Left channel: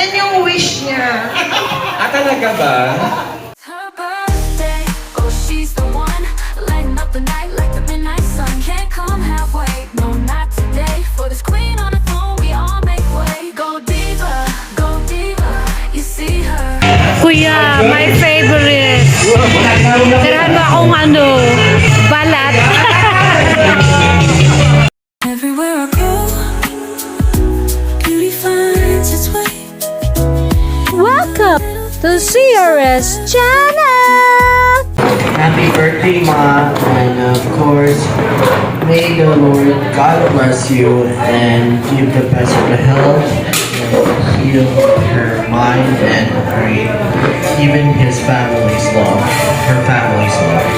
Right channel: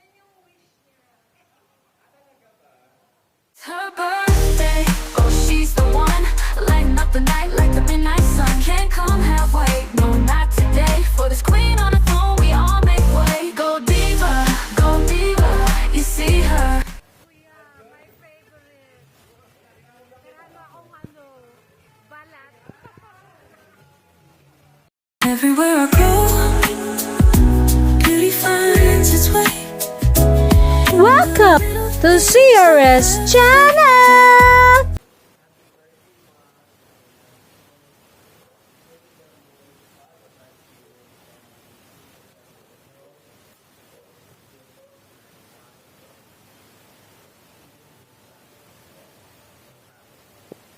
Yan yung wish niya. Talaga ba? Her birthday, oh she's the one, lighting up the night like the midnight sun. Can't come halfway, no not today. For this queen on the throne, we all make way. Go diva, you see her. Kuya, my favorite. Tirahan mo akong balat. Everywhere I go, beauty finds its way. Welcome to CRS channel! Happy birthday, Ma, and of course, may the Lord God bless you and give the best of the health and heal her mind and even his family's love, her family's love.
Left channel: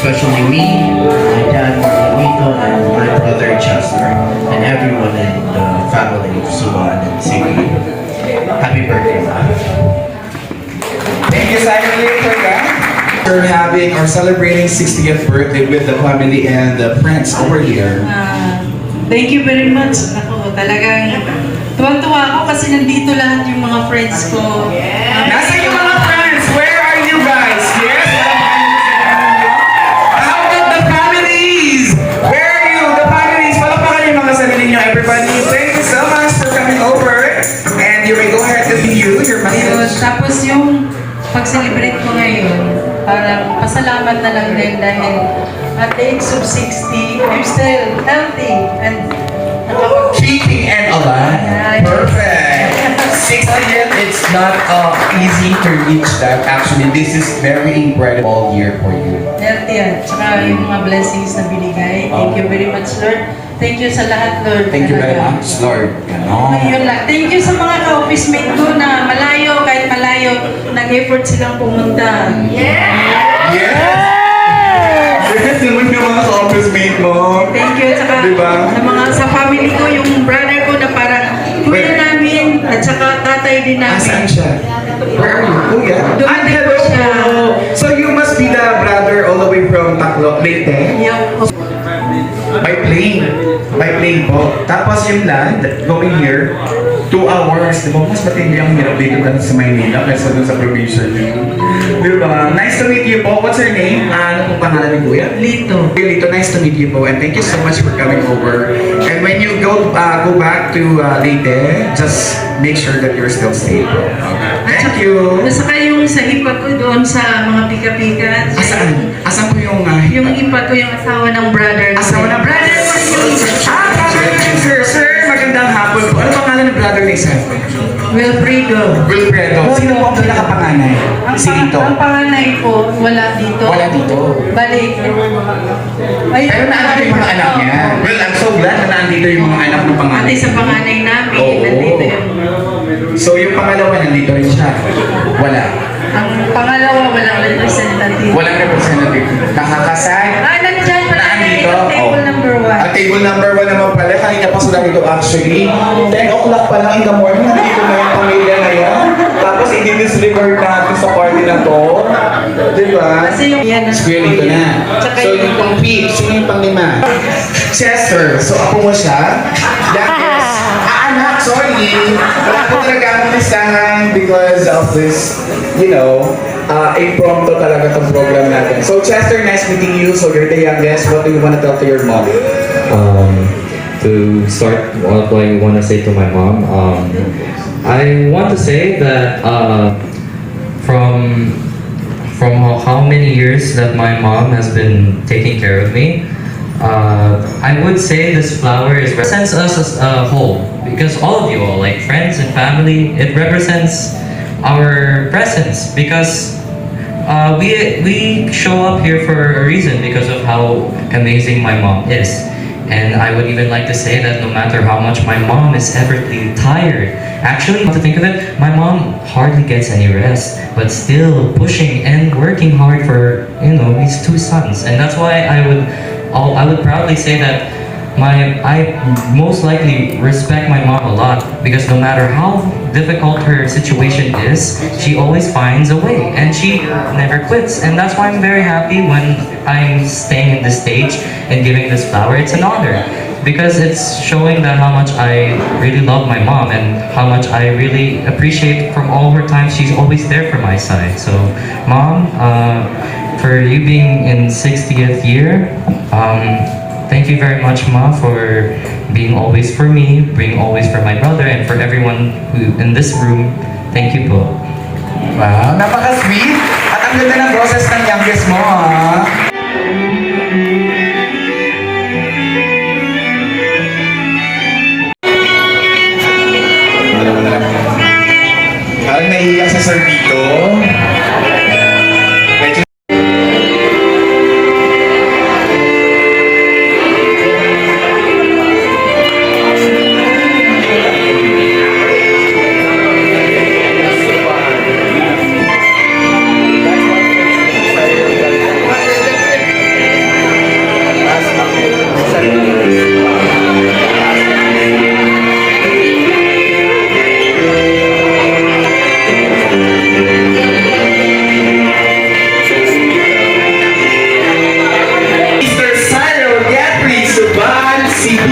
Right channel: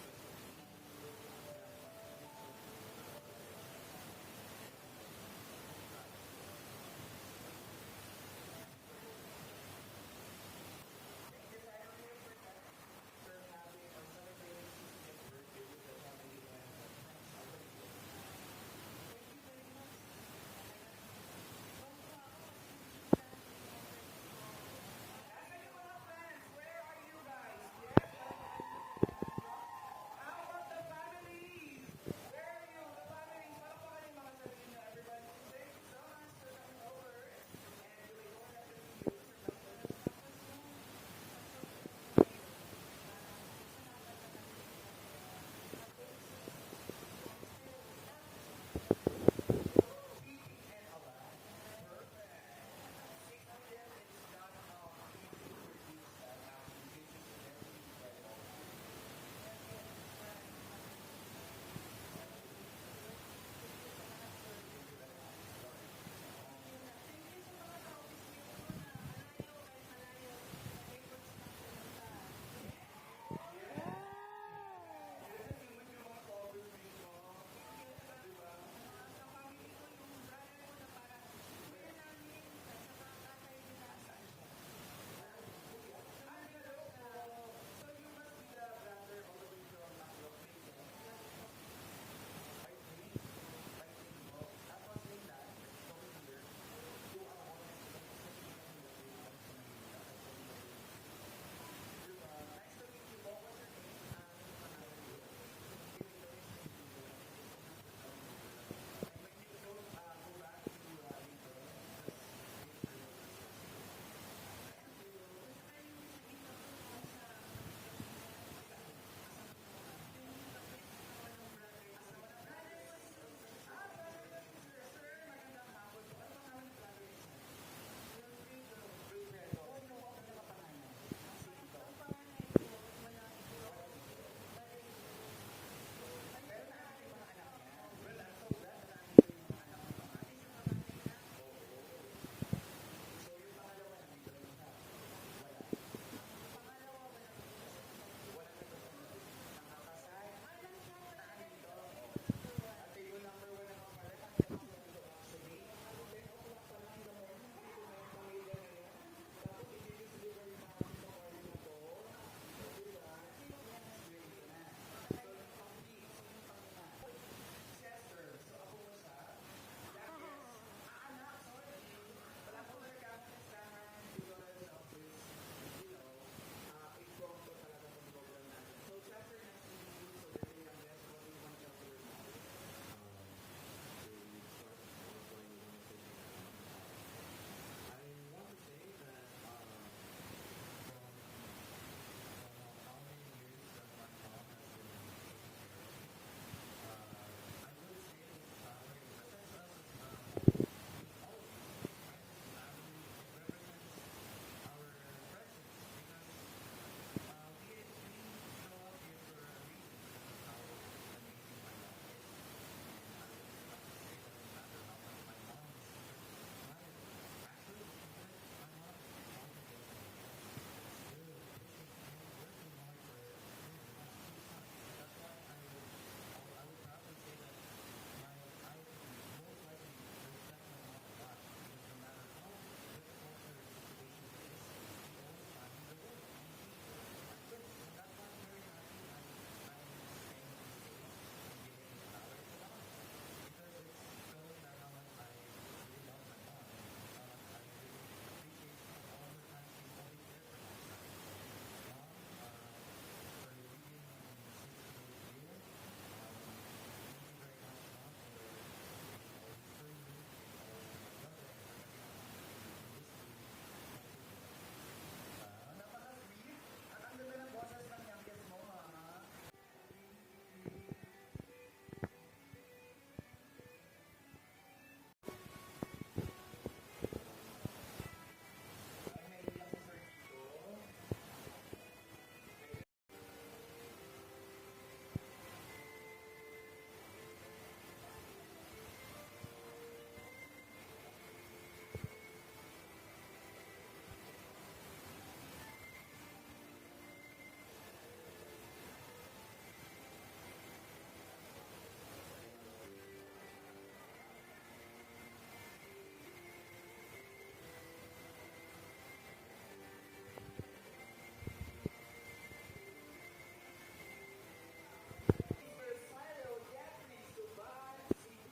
Especially me, my dad, Margarito, and my brother Chester, and everyone in the family of Suwan and Sige. Happy birthday, Ma. Thank you, Simon, for that. We're having or celebrating 60th birthday with the family and the friends over here. Thank you very much. Ako, talagang tuwang-tuwa ako kasi nandito lahat yung mga friends ko. Nasa yung mga friends? Where are you guys? Yes? How about the families? Where are you? The families? Palapakan yung mga sarili nyo, everybody. Thank you so much for coming over. And you may go ahead and be you, your Ayun, message. tapos yung pag-celebrate ko ngayon, parang pasalamat na lang din dahil at the age of 60, I'm still healthy and Kicking and alive. Perfect. 60th, it's not easy to reach that. Actually, this is very incredible year for you. healthy at saka yung mga blessings na binigay. Thank you very much, Lord. Thank you sa lahat, Lord. Thank you very Talaga. much, Lord. Ayun lang. Thank you sa mga ka-office mate ko na malayo, kahit malayo, nag-effort silang pumunta. Yes! Yes naman yung mga office mate mo. Thank you. At saka Diba? sa family ko, yung brother ko na parang kuya namin at saka tatay din namin. Saan siya? Where are you? Kuya? Dumating hello po siya. po. So you must be the brother all the way from Tacloban, Leyte? Yung, By plane. By plane po. Tapos yung land, going here, 2 hours. Diba? Mas matindi ang hirap dito dahil sa Maynila kaysa dun sa probinsya niyo. Diba? Nice to meet you po. What's your name? Ano pong pangalan ni Kuya? Lito. Lito, nice to meet you po. And thank you so much for coming over. And when you go back to Leyte, just make sure that you're still safe. Thank you. At saka yung sa hipa ko doon sa mga pika-pika. Asaan? Asaan po yung Yung hipa ko yung asawa ng brother ko. asawa ng brother mo yung... Sir, sir, magandang hapon po. Ano pangalan ng brother ni Sir? Wilfredo. Wilfredo. Sino po ang pinakapanganay? Si Lito. Ang panganay po, wala dito. Wala dito. Balik. Pero naandito yung mga anak niya. Well, I'm so glad na naandito yung mga anak ng panganay. Pati sa panganay namin, Oo. nandito yung... So yung pangalawa, nandito rin siya. Wala. Ang pangalawa, walang representative. Walang representative. Nakakasay. Nandyan pala Naandito. table number 1. At table number 1 naman pala. Kanina pa sila dito actually. 10 o'clock pa lang in the morning. Nandito na yung pamilya na yan. Tapos i-disregard natin sa party na to. Diba? Kasi yung yan ang Square dito na. Tsaka So yung pang fifth, sino yung pang lima? Chester. So ako mo siya. That is, anak, sorry. Wala ko talaga ang listahan because of this, you know, impromptu talaga itong program natin. So Chester, nice meeting you. So you're the youngest. What do you want to tell to your mom? To start, what do I want to say to my mom? I want to say that from how many years that my mom has been taking care of me, I would say this flower represents us as a whole, because all of you all, like friends and family, it represents our presence, because we show up here for a reason, because of how amazing my mom is. And I would even like to say that no matter how much my mom is ever tired, actually, to think of it, my mom hardly gets any rest, but still pushing and working hard for, you know, these 2 sons. And that's why I would proudly say that I most likely respect my mom a lot, because no matter how difficult her situation is, she always finds a way and she never quits. And that's why I'm very happy when I'm staying in this stage and giving this flower. It's an honor, because it's showing that how much I really love my mom and how much I really appreciate from all her time. She's always there for my side. So, Mom, for you being in 60th year, thank you very much, Ma, for being always for me, being always for my brother, and for everyone who in this room. Thank you po. Wow, napaka-sweet. At ang ganda ng process ng youngest mo, ha? Parang naiiyak sa sir dito. Medyo Mr. Cyril Gatry Suban CB.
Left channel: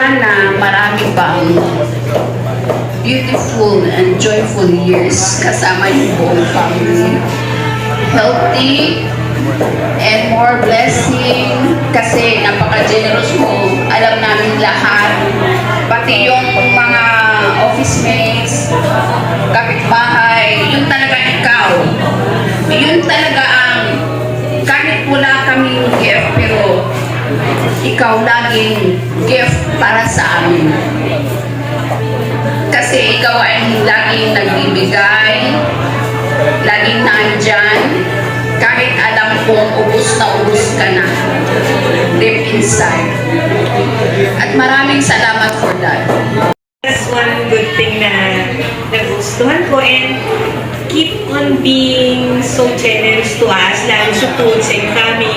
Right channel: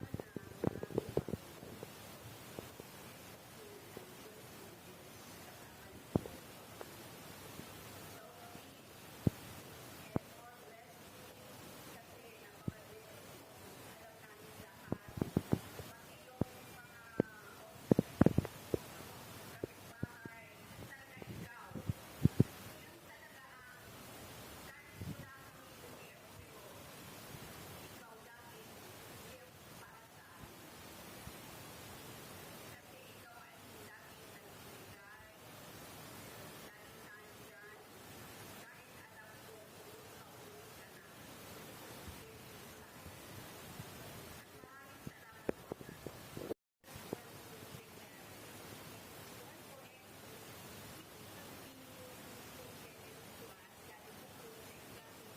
Sana marami pang beautiful and joyful years kasama yung buong family. Healthy and more blessing kasi napaka-generous mo. Alam namin lahat. Pati yung mga office mates, kapitbahay, yun talaga ikaw. Yun talaga ang kahit wala kaming gift pero ikaw laging gift para sa amin. Kasi ikaw ay laging nagbibigay, laging nandyan, kahit alam kong ubus na ubus ka na, deep inside. At maraming salamat for that. That's one good thing na nagustuhan ko, and keep on being so generous to us, lalo sa foods and family.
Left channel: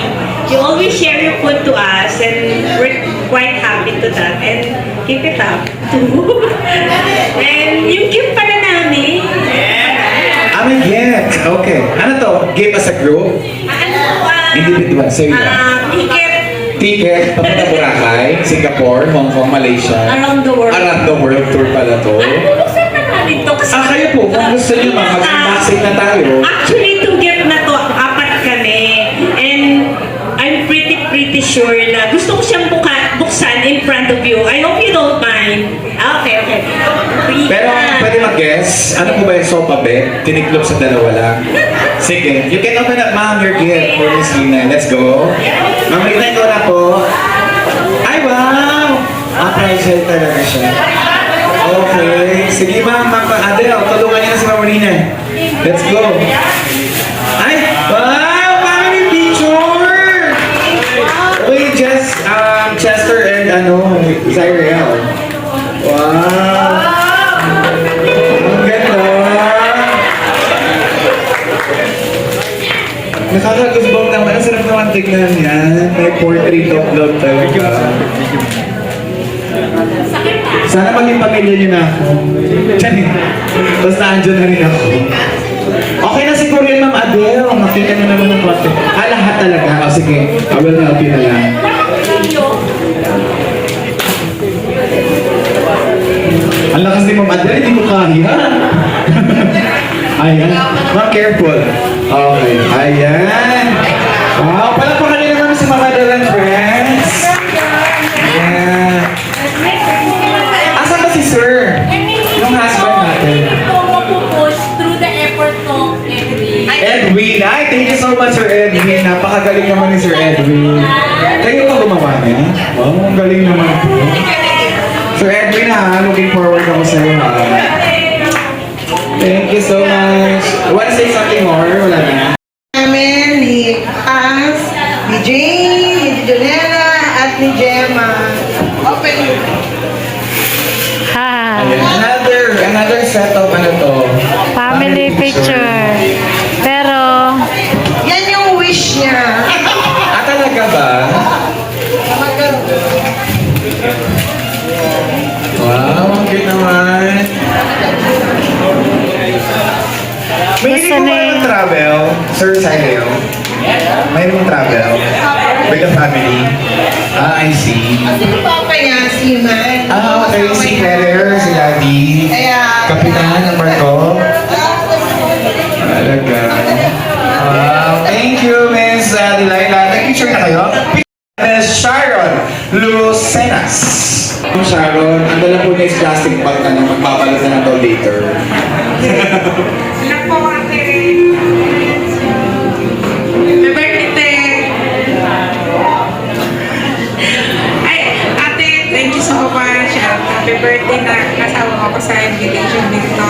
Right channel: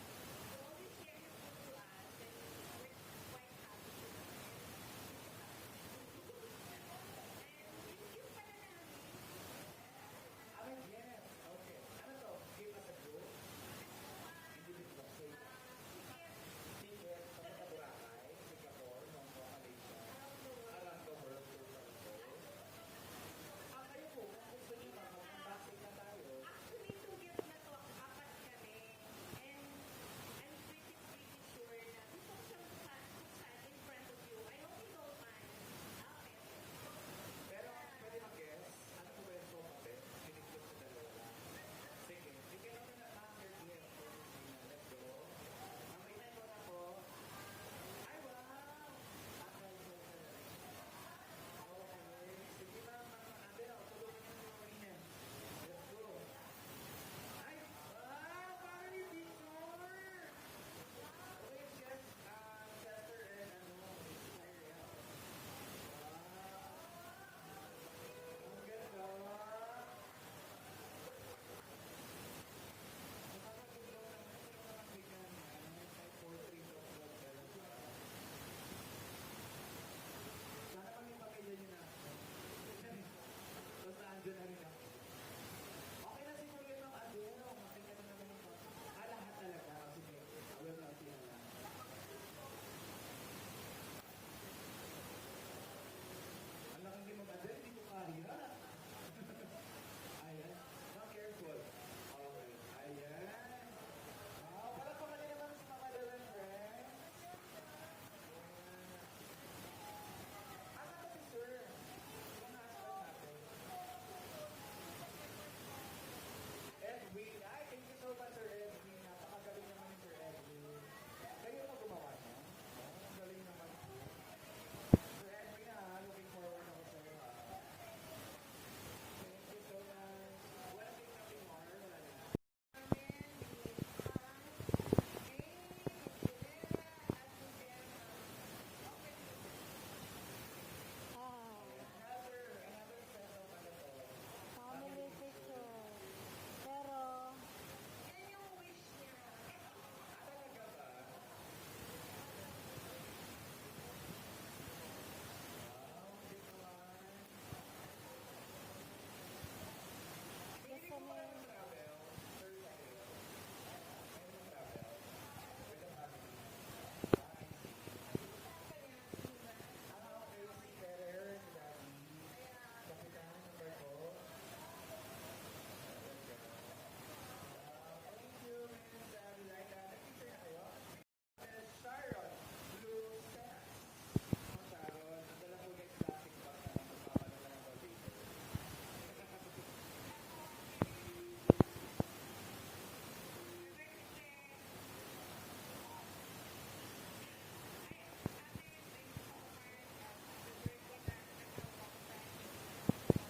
You always share your food to us and we're quite happy to that, and keep it up too. And yung gift pala namin. May gift. Okay. Ano to? Give as a group? Individual. Sa'yo yan. Ticket, papunta Boracay, Singapore, Hong Kong, Malaysia. Around the world. Around the world tour pala to. Bubuksan na natin to kasi Kayo po, kung gusto nyo mag-unboxing na tayo. actually, itong gift na to, apat kami. And I'm pretty sure na gusto ko siyang buksan in front of you. I hope you don't mind. Okay. Pero pwede mag-guess, ano po ba yung sopa bet? Tiniklop sa dalawa lang. Sige, you can open up, ma'am, your gift for Miss Lina. Let's go. Ma'am Lina, ito na po. Ay, wow! Appreciate talaga siya. Okay. Sige, ma'am, Adele, tulungan niyo na si Ma'am Lina. Let's go. Ay, wow! Family picture! Wait, Chester and Cyril. Wow! Ang ganda! Nakaka-goosebump naman. Ang sarap naman tignan yan. May portrait of love talaga. Sana maging pamilya niyo na ako. Tiyan, basta andyan na rin ako. Okay na siguro yun, Ma'am Adele. Makita na naman ng konti. Lahat talaga. Sige, I will help you na lang. Ayan. Ayan. Ma'am, careful. Okay. Ayan. Wow, palakpakan niyo naman si Mama Del and Friends. Ayan. Asan ba si Sir? Yung husband natin. push through the effort ko every Edwin. Ay, thank you so much, Sir Edwin. Napakagaling naman ni Sir Edwin. Kayo ba gumawa niya? Wow, ang galing naman po. Sir Edwin, ha, looking forward ako sa iyo, ha. Thank you so much. Want to say something more? Wala na. namin ni Hans, ni Jane, ni Jonella, at ni Gemma. Open you. Ha. Ayan. Another set of ano to? Family picture. Pero, Yan yung wish niya. Ah, talaga ba? Wow, ang cute naman. May hindi Gusto ko ni- ba travel? Sir Sileo? May mong travel? With the family? Ah, I see. Sino pa kaya si Man? Ah, okay. Si Ferrer, si Daddy. Kaya, Kapitan ng barko. Talaga. Wow. Thank you, Miss Delilah. Nag-picture na kayo? Miss Sharon Lucenas. Miss Sharon, ang dala po niya is plastic bag na lang. Magpapalit na lang daw later. Ate, thank you so much. Happy birthday na kasama ko sa invitation dito.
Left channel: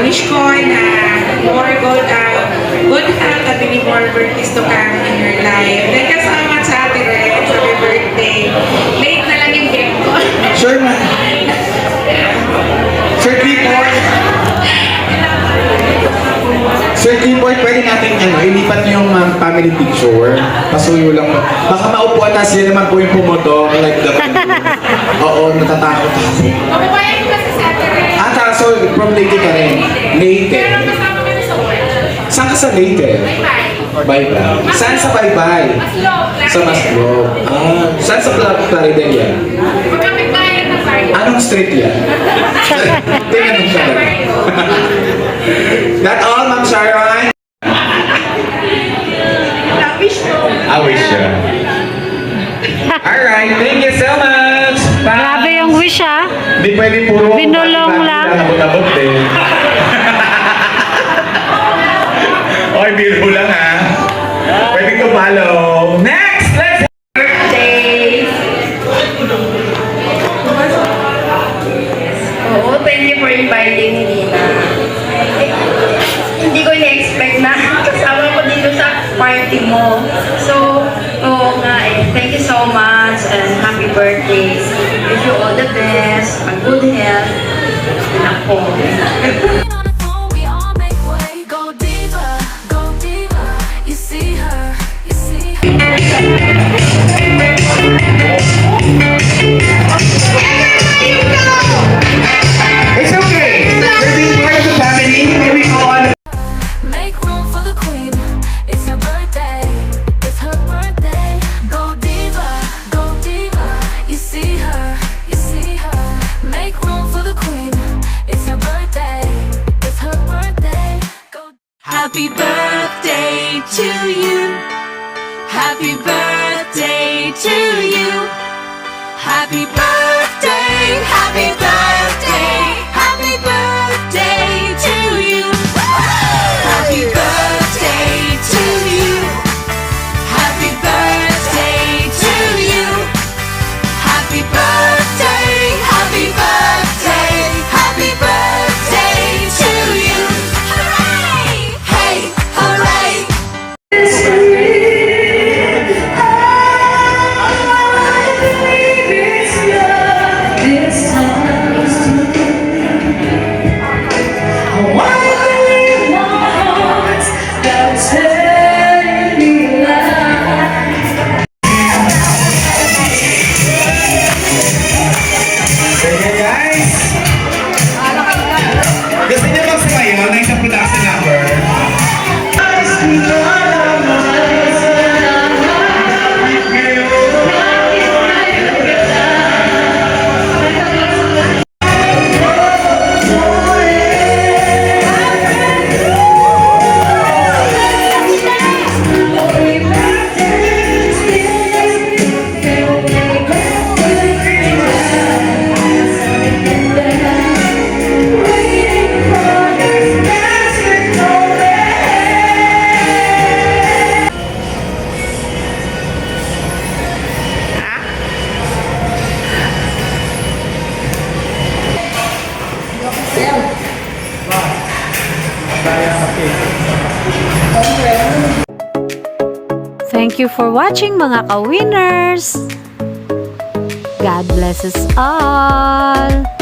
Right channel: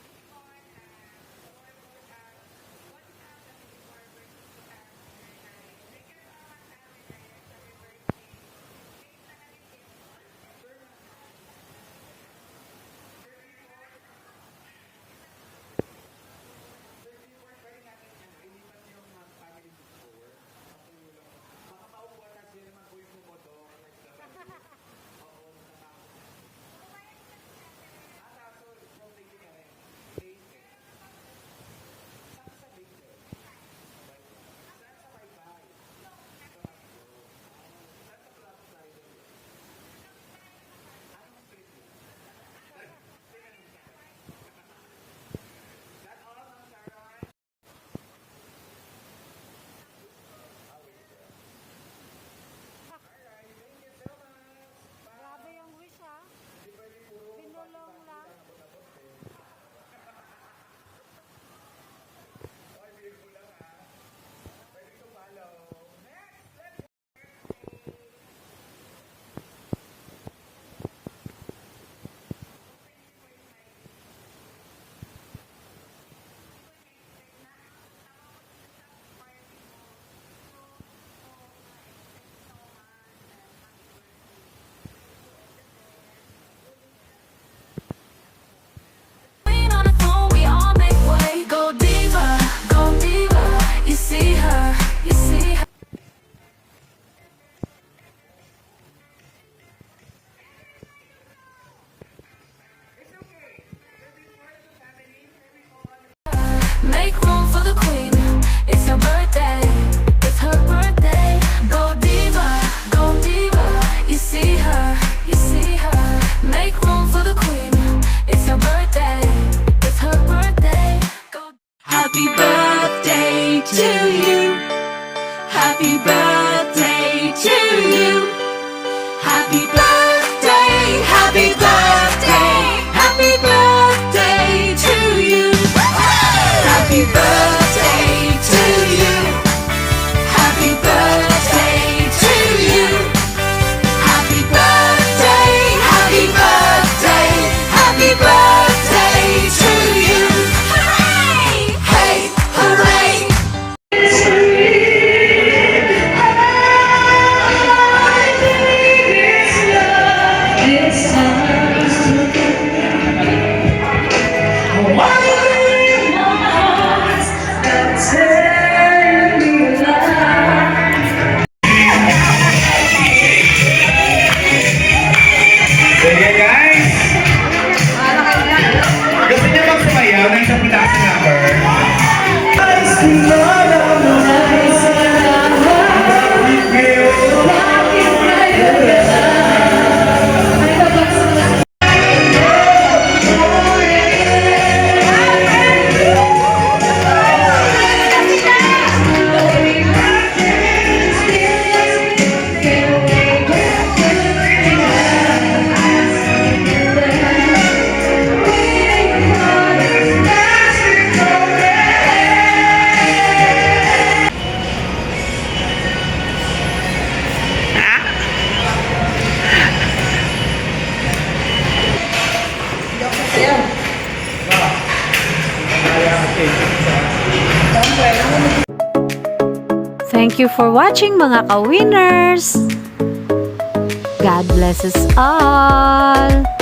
Wish ko na more good health at many more birthdays to come in your life. Thank you so much, Ate Rex. Happy birthday. Late na lang yung cake ko. Sure, ma. Sir Clifford. Sir Clifford, pwede natin ilipat niyo yung family picture. Pasuyo lang. Baka maupuan na sila naman po yung pumoto. Like the Oo, natatakot ako. Mababayan ko kasi sa Ate Rex. So from Leyte ka rin? Leyte. Pero kasama kami sa work. Saan ka sa Leyte? Bye-bye. Baybay. Saan sa Baybay? Maslog. Sa Maslog. Ah, saan sa Plaridel yan? Magkapit bayan na tayo. Anong street yan? Tinanong siya. That all, Ma'am Sharon? Wish ko. I wish you. Alright, thank you so much. Bye. grabe yung wish ha. Hindi pwede puro Binulong lang. Abot-abot din. Oy, biro lang ha. Pwede ko follow. Next! Let's Oo, thank you for inviting me, Nina. Hindi ko na-expect na kasama ko dito sa party mo. So, oo nga eh. Thank you so much and happy birthday. Wish you all the best, a good health. Nako. Queen on the phone, we all make way. Go diva, you see her, you see her. It's okay. We're being part of the family. Here we go on. Make room for the queen, it's her birthday, it's her birthday. Go diva, you see her, you see her. Make room for the queen, it's her birthday, it's her birthday. Go. Happy birthday to you, happy birthday to you. Happy birthday, happy birthday, happy birthday to you. Happy birthday to you. Happy birthday to you. Happy birthday, happy birthday, happy birthday to you. Hooray! Hey, hooray! It's Thank you for watching mga ka-winners. God bless us all.